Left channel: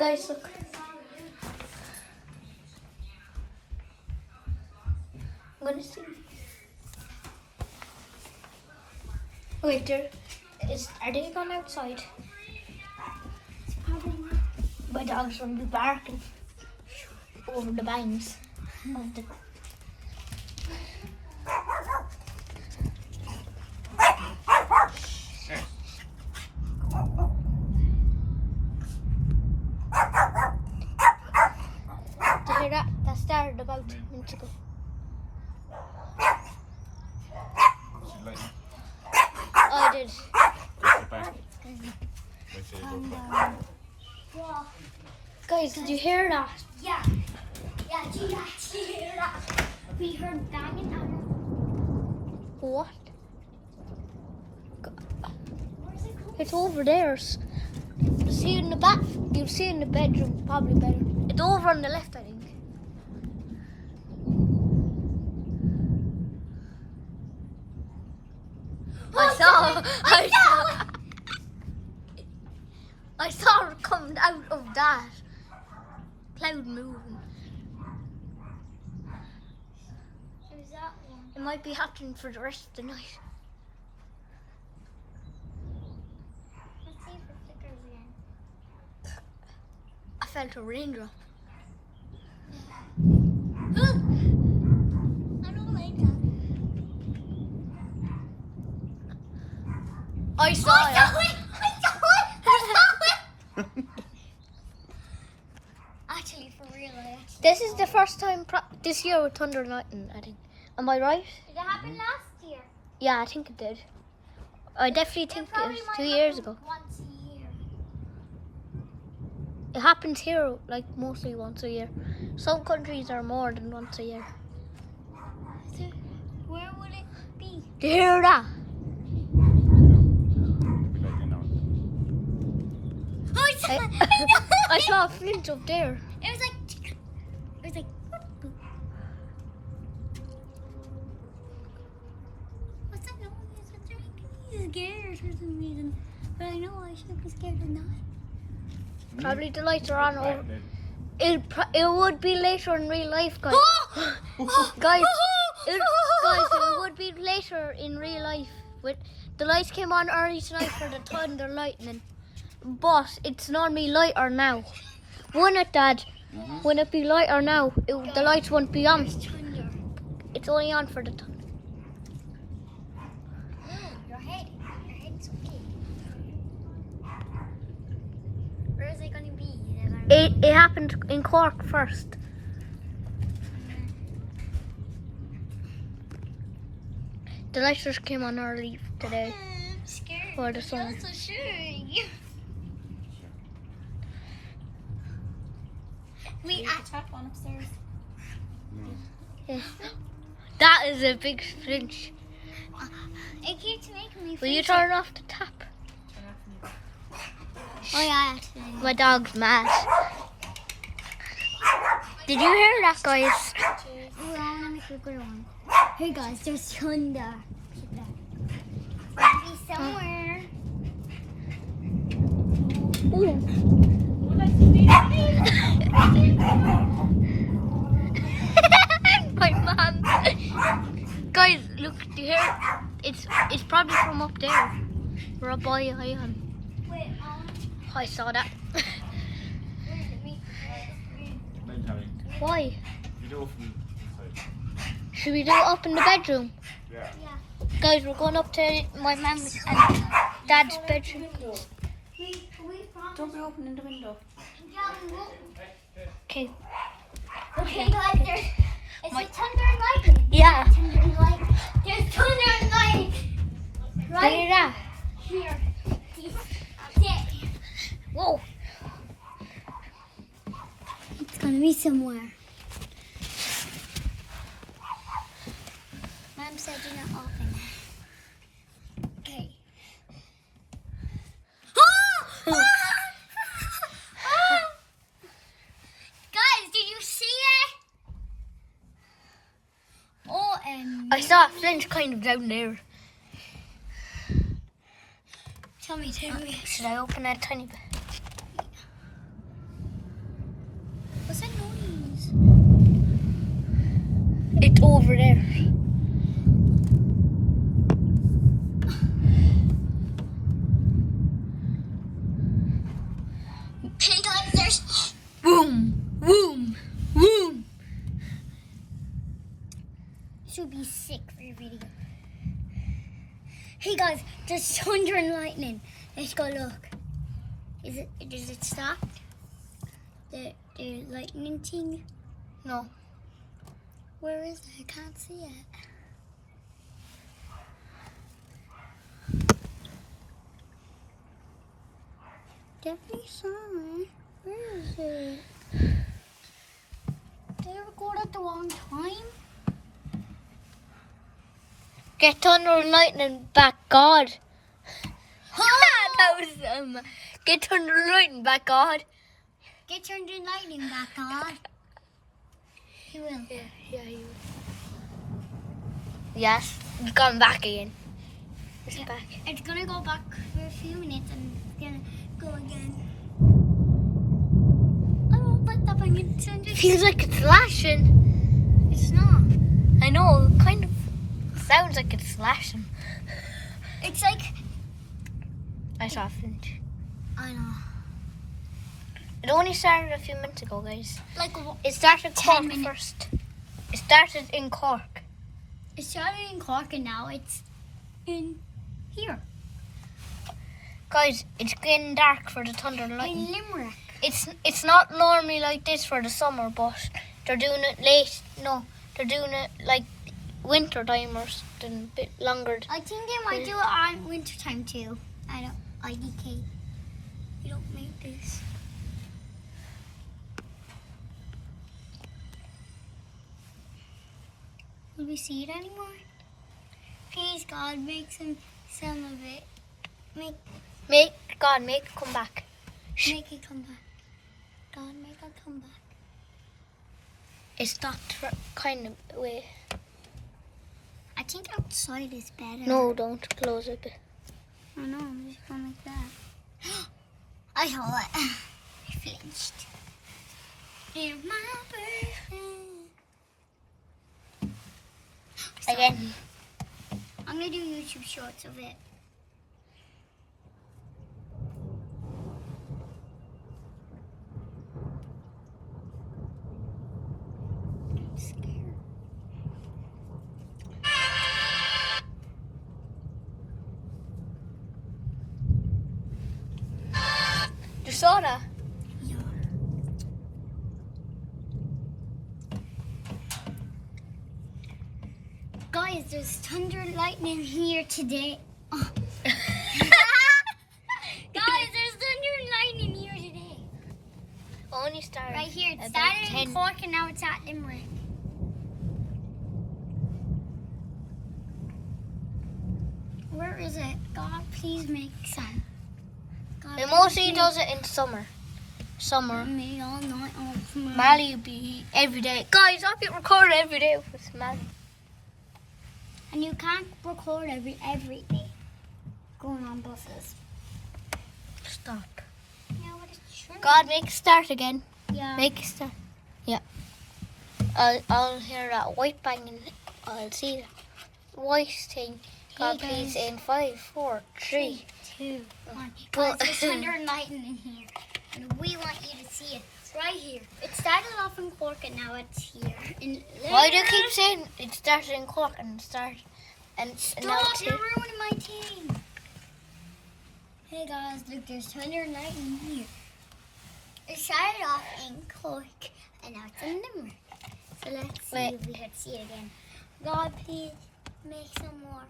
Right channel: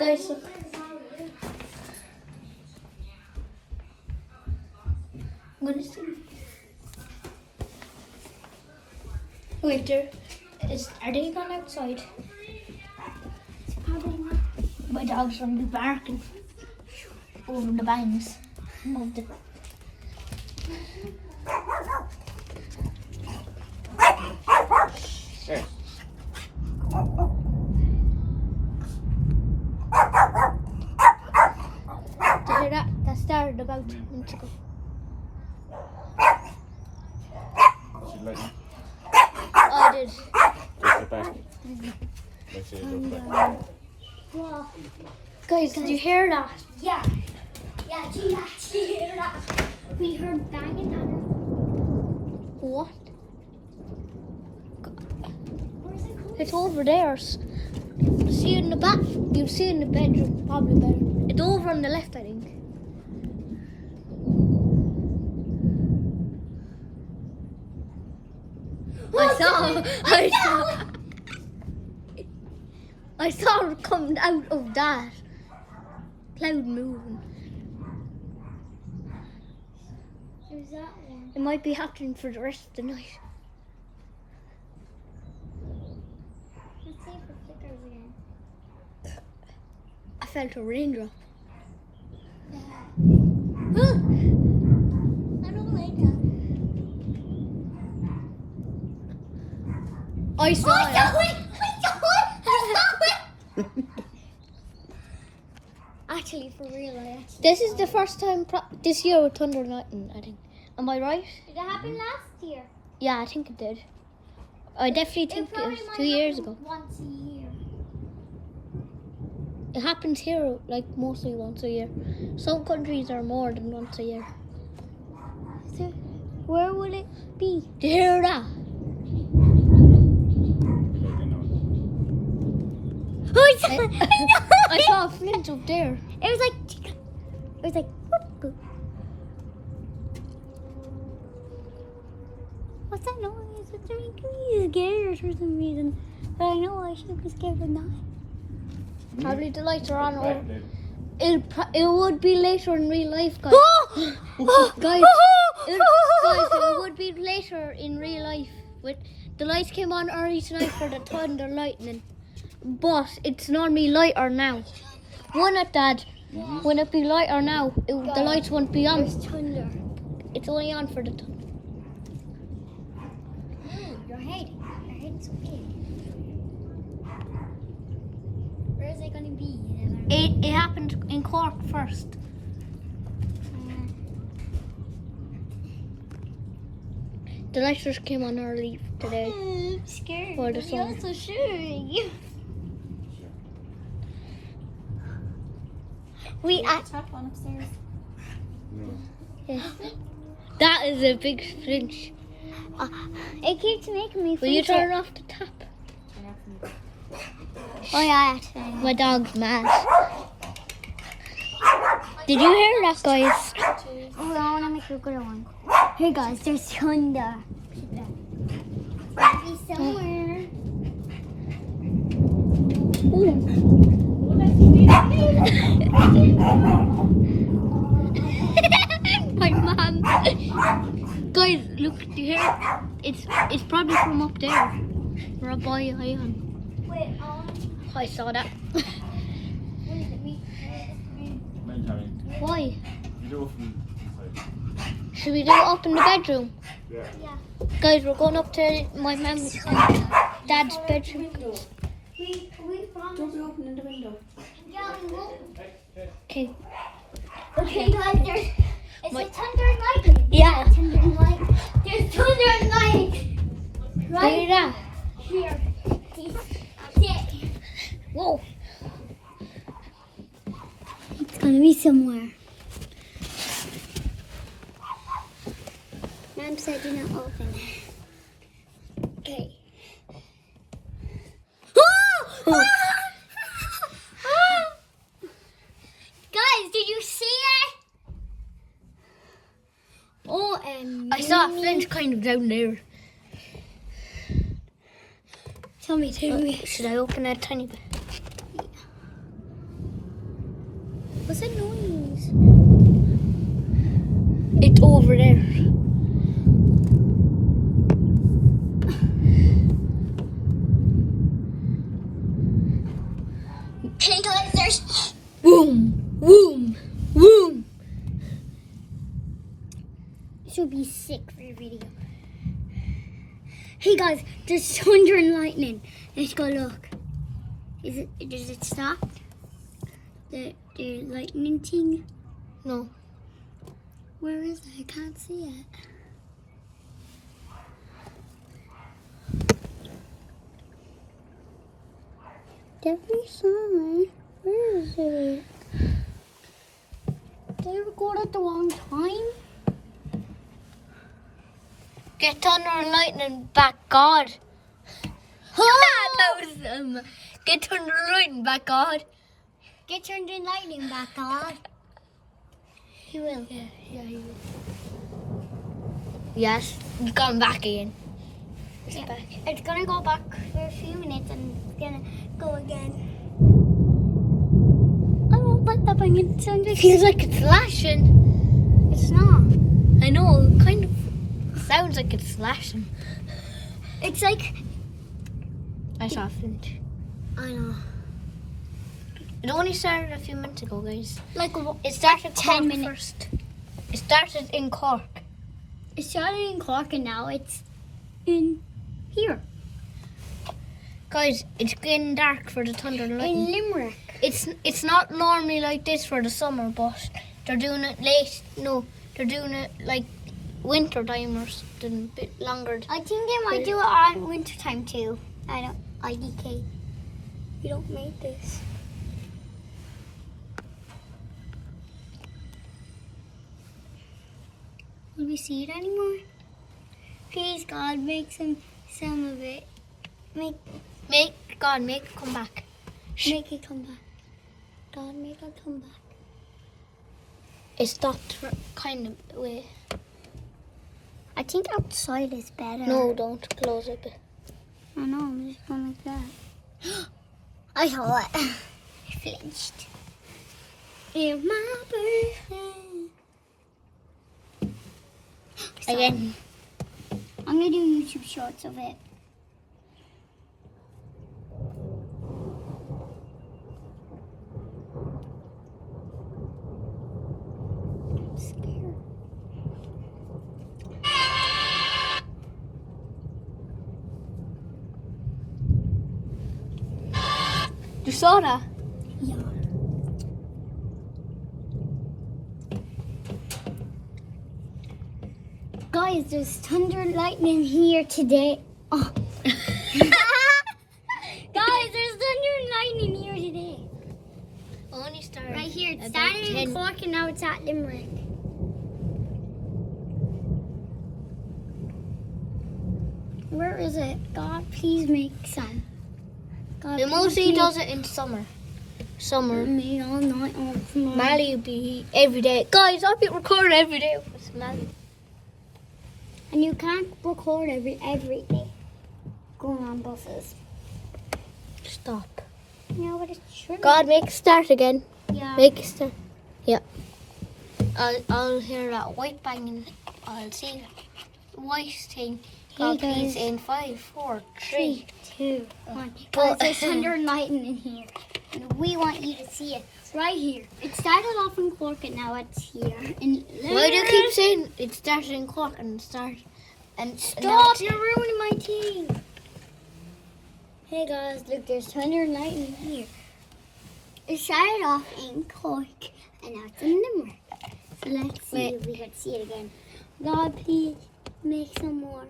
Guys, look. I'm gonna see. Wait, are they gone outside? Probably not. My dog's gonna be barking over the bangs of the. There. Did you hear that? That started about 2 minutes ago. She's like, I did. just get back. Let's see it goes back. Well, Guys, did you hear that? yeah. Yeah, she actually heard that. We heard banging on What? Where's it going? It's over there. See it in the back. You see it in the bedroom, probably better. It's over on the left, I think. I saw it coming out of that cloud moving. There's that one. It might be happening for the rest of the night. Let's see if it flickers again. I felt a raindrop. I don't like that. I saw it. Actually, for real, yes. This is the first time this year with thunder and lightning, I think. Am I right? Did that happen last year? Yeah, I think it did. I definitely think it was 2 years ago. Once a year. It happens here like mostly once a year. Some countries are more than once a year. So, where will it be? Do you hear that? I saw a flint up there. It was like, whoop. What's that noise? It's making me scared for some reason. But I know I should be scared of that. Probably the lights are on. It would be later in real life, guys. Guys, it would be later in real life. With the lights came on early tonight for the thunder lightning, but it's normally lighter now. Wouldn't it, Dad? Wouldn't it be lighter now? The lights won't be on. Thunder. It's only on for the thunder. Your head's okay. Where is it gonna be? It happened in Cork first. The lights just came on early today. I'm scared. For the sun. I'm so sure. We Top one upstairs. Yeah. That is a big flinch. it keeps making me. Will you feel turn off the tap? Oh yeah, actually. My dog's mad. Did you hear that, guys? Oh, I wanna make a good one. Hey guys, there's thunder. Maybe somewhere. My mom. Guys, look, do you hear? It's probably from up there. We're up by Ion. Wait, I saw that. where is it? Why? You do it from inside. Should we do it up in the bedroom? Yeah. Guys, we're going up to my mum's and dad's bedroom. We found. Don't be opening the window. Yeah, we will. Okay. Okay, guys, there's. It's My- a thunder and lightning. Yeah. Thunder and lightning. There's thunder and lightning. Right Hear that? here. That's it. Whoa. It's gonna be somewhere. Mom said do not open it. Okay. Guys, did you see it? Oh, and I saw a flint kind of down there. tell me. Should I open it a tiny bit? What's that noise? It's over there. Hey guys, there's Boom, boom, boom. this would be sick for your video. Hey guys, there's thunder and lightning. Let's go look. Does it stop? The lightning thing? No. Where is it? I can't see it. Definitely saw it. Where is it? Did I record at the wrong time? Get thunder and lightning back, God. That was get thunder and lightning back, God. Get thunder and lightning back on. He will. Yeah, you. Yes, it's gone back again. It's Yeah. back. It's gonna go back for a few minutes and it's gonna go again. Oh, but the banging sound is. Feels like it's flashing. It's not. I know, it kind of sounds like it's flashing. It's like. I softened. I know. It only started a few minutes ago, guys. Like It started 10 Cork minutes. first. It started in Cork. it started in Cork and now it's in here. Guys, it's getting dark for the thunder and In lightning. Limerick. It's not normally like this for the summer, but they're doing it late. No, they're doing it like winter time or something, a bit longer. I think they might do it on winter time too. I don't. IDK. You don't make this. Will we see it anymore? Please, God, make some of it. Make Make it come back. it come back. God, make it come back. It stopped for kind of way. I think outside is better. No, don't close it. I know, I'm just going like that. I saw it. I flinched. It's my birthday. Again. I'm gonna do YouTube shorts of it. I'm scared. You saw that? Yeah. Guys, there's thunder and lightning here today. Oh. Guys, there's thunder and lightning here today. Only started Right here. It about started in 10. Cork and now it's at Limerick. Where is it? God, please make some. God, It please mostly make does it in summer. Summer. me all night on tomorrow. Mally will be every day. Guys, I'll be recording every day with Mally. And you can't record every day going on buses. Stop. Yeah, but it's true. God, make it start again. Yeah. Make it start. Yeah. I'll hear that white banging. I'll see that white thing. God, Hey, please, guys. in 5, 4, 3. 2, 1. But- Guys, there's thunder and lightning in here. And we want you to see it. It's right here. It started off in Cork and now it's here. In Why do you keep Limerick. saying it started in Cork and it started and now Stop, it's you're ruining my team. Hey guys, look, there's thunder and lightning here. It started off in Cork and now it's in Limerick. So let's see Wait. if we can see it again. God, please make some more.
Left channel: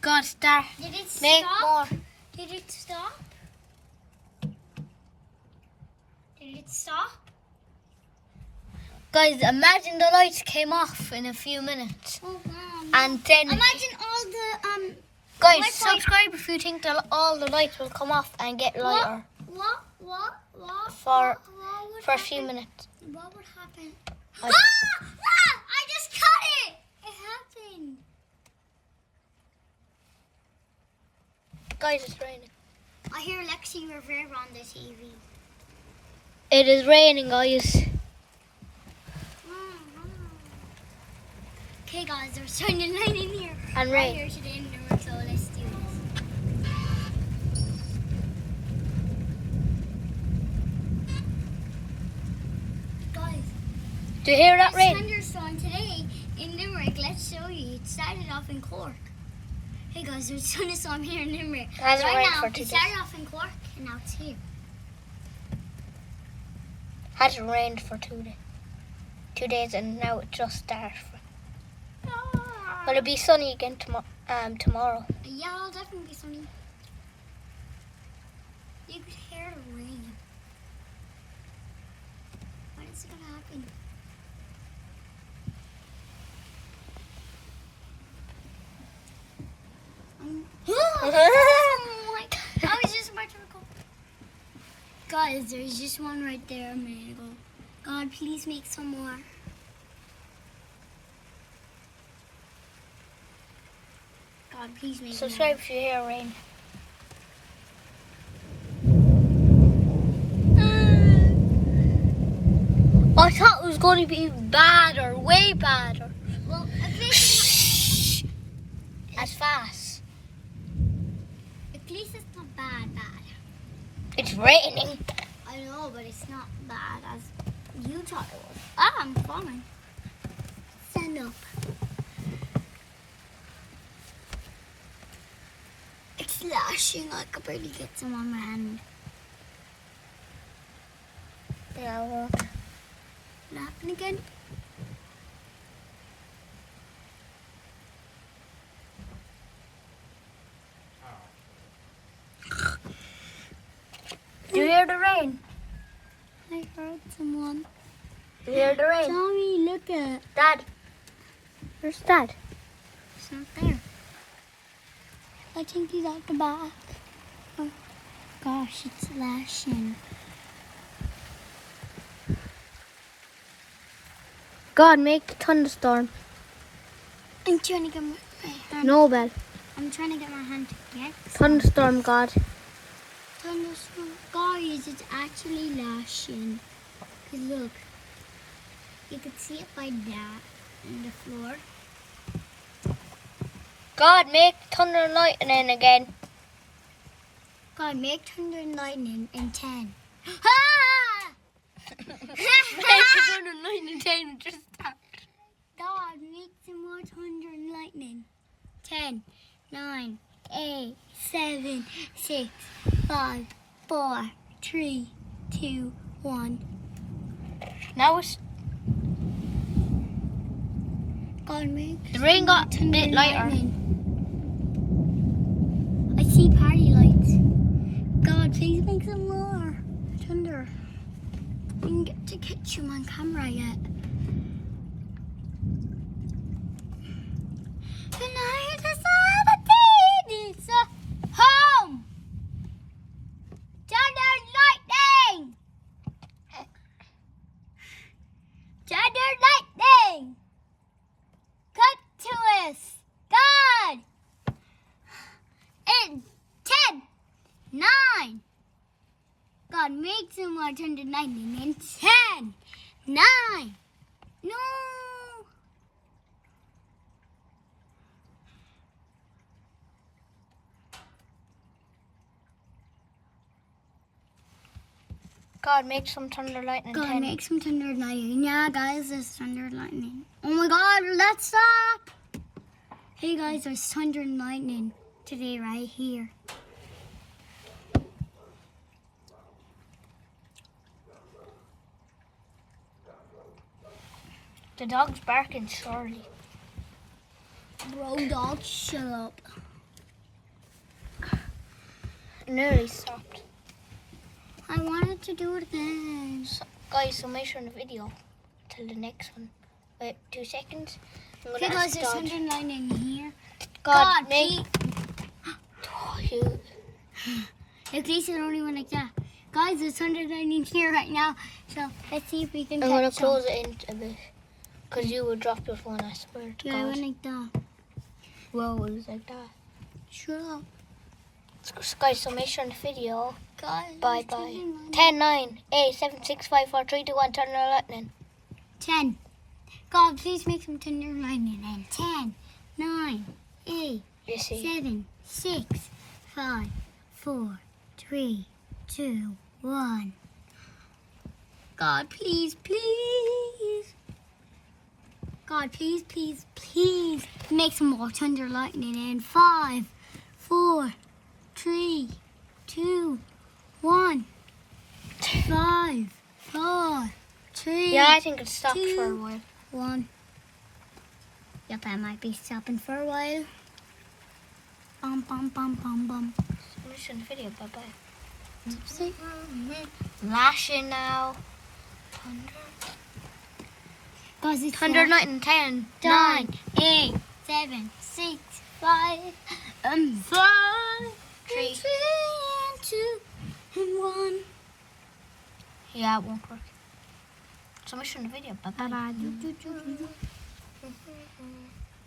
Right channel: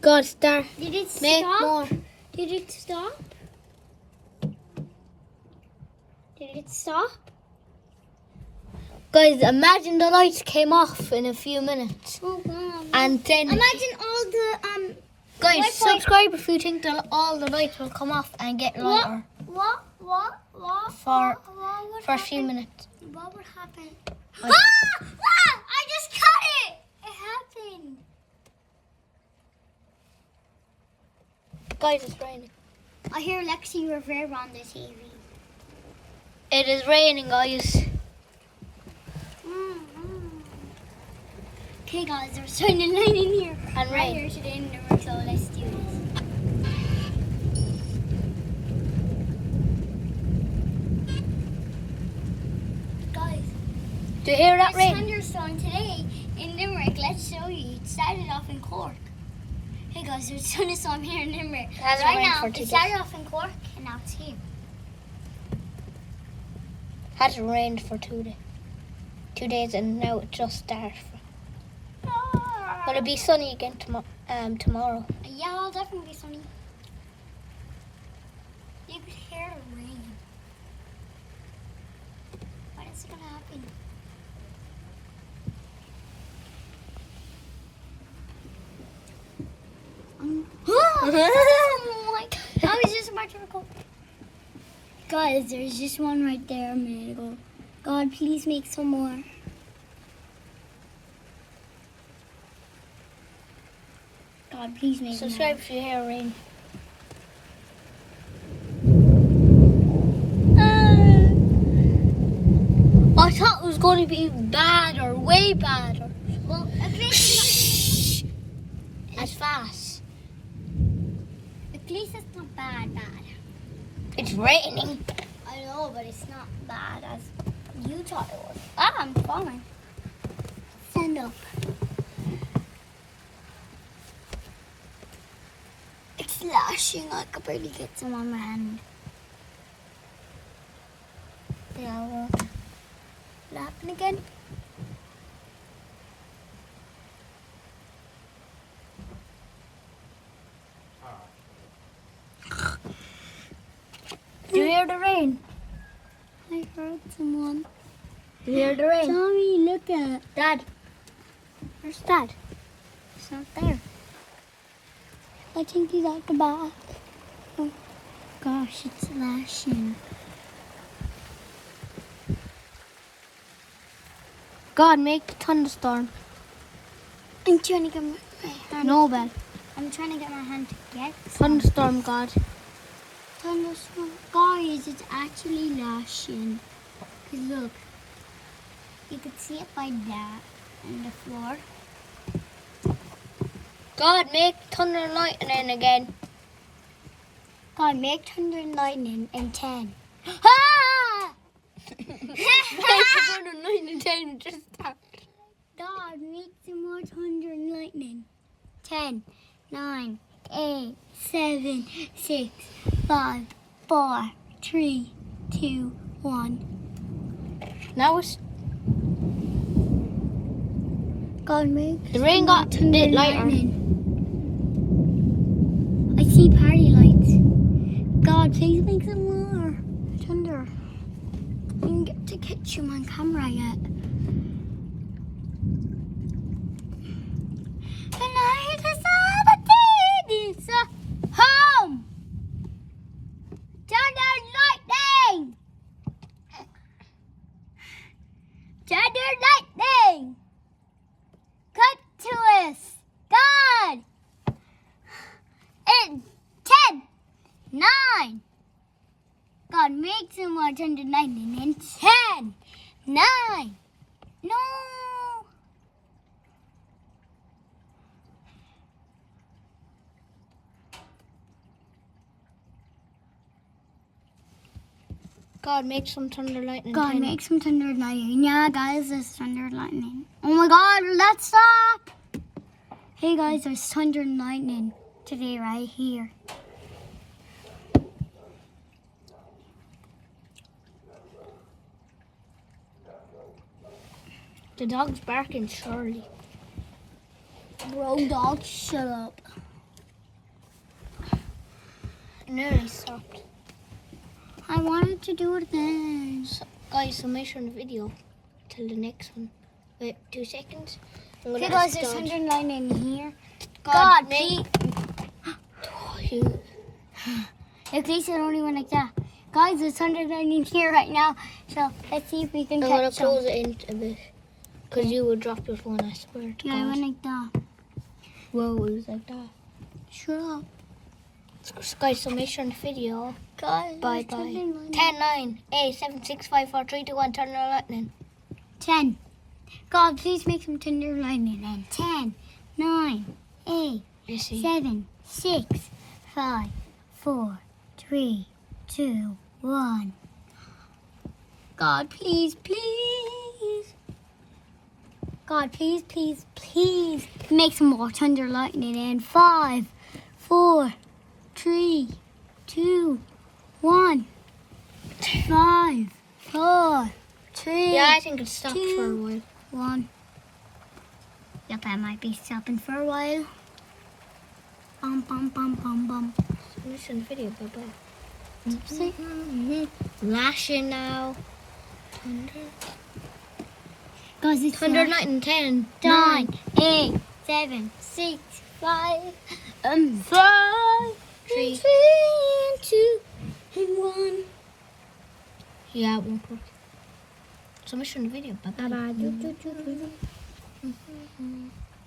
God, start. Did it Make stop? more. Did it stop? Did it stop? Guys, imagine the lights came off in a few minutes. Oh wow. And then, Imagine all the guys, Wi-Fi- subscribe if you think that all the lights will come off and get lighter what For- would for a few happen? minutes. What would happen? I- I just cut it! It happened. Guys, it's raining. I hear Lexi Rivera on the TV. It is raining, guys. Okay, guys, there's thunder and lightning here. And Right rain. here today in Limerick, so let's do this. Guys, Do you hear that there's rain? thunderstorm today in Limerick. Let's show you. It started off in Cork. Hey guys, there's thunderstorm here in Limerick. It hasn't Right rained now, for it 2 days. started off in Cork and now it's here. Hasn't rained for 2 days, and now it just started. Will it be sunny again tomorrow? Yeah, it'll definitely be sunny. You could hear the rain. When is it gonna happen? Oh my god, that was just my circle. Guys, there's just one right there a minute ago. God, please make some more. God, please make more. Subscribe if you hear rain. I thought it was going to be badder, way badder. Well, at least As fast. it's not bad. It's raining. I know, but it's not bad as you thought it was. Ah, I'm falling. Stand up. It's lashing. I could barely get some on my hand. Yeah, well, will it happen again? Do you hear the rain? I heard someone. Do you hear the rain? Tommy, look at. Dad. Where's Dad? It's not there. I think he's at the back. Oh, gosh, it's lashing. God, make the thunderstorm. I'm trying to get my hand. No, Belle. I'm trying to get my hand to get Thunderstorm, God. thunderstorm. Guys, it's actually lashing. 'Cause look, you can see it by that on the floor. God, make thunder and lightning again. God, make thunder and lightning in 10. Ah! Thunder and lightning time just started. God, make some more thunder and lightning. 10, 9, 8, 7, 6, 5, 4, 3, 2, 1. Now it's God, make the rain got a thunder bit and lighter. lightning. I see party lights. God, please make some more thunder. I didn't get to catch you on camera yet. And I decided it's home. Thunder and lightning. Thunder and lightning. Cut to us. God. In 10, 9. God, make some more thunder and lightning in 10, 9. No. God, make some thunder, lightning. God, 10. make some thunder and lightning. Yeah, guys, there's thunder and lightning. Oh my God, let's stop. Hey guys, there's thunder and lightning today right here. The dog's barking surely. Bro, dog, shut up. It nearly stopped. I wanted to do it again. Guys, so make sure in the video till the next one. Wait, 2 seconds. I'm gonna Hey guys, ask there's God. thunder and lightning here. God, please. make. At least I don't even like that. Guys, there's thunder and lightning here right now. So let's see if we can I'm gonna catch some. close it in a bit. Because you would drop your phone, I swear to Yeah, I God. went like that. Whoa, it was like that. Shut up. Guys, summation video. Guys, Bye bye. 10, 9, 8, 7, 6, 5, 4, 3, 2, 1. Turn the lightning. 10. God, please make some tender lightning. And 10, 9, 8, You see. 7, 6, 5, 4, 3, 2, 1. God, please, please. God, please, please, please make some more thunder lightning. And 5, 4, 3, 2, 1. 5, 4, 3. Yeah, I think it stopped for a while. 1. Yep, I might be stopping for a while. Bum, bum, bum, bum, bum. Submission video. Bye bye. Lashing now. Thunder. Guys, it's Thunder, lightning. 10, 9, 9, 8, 7, 6, 5, 5, 3. 3, and 2, and 1. Yeah, it won't work. Submission video. Bye bye. Bye bye.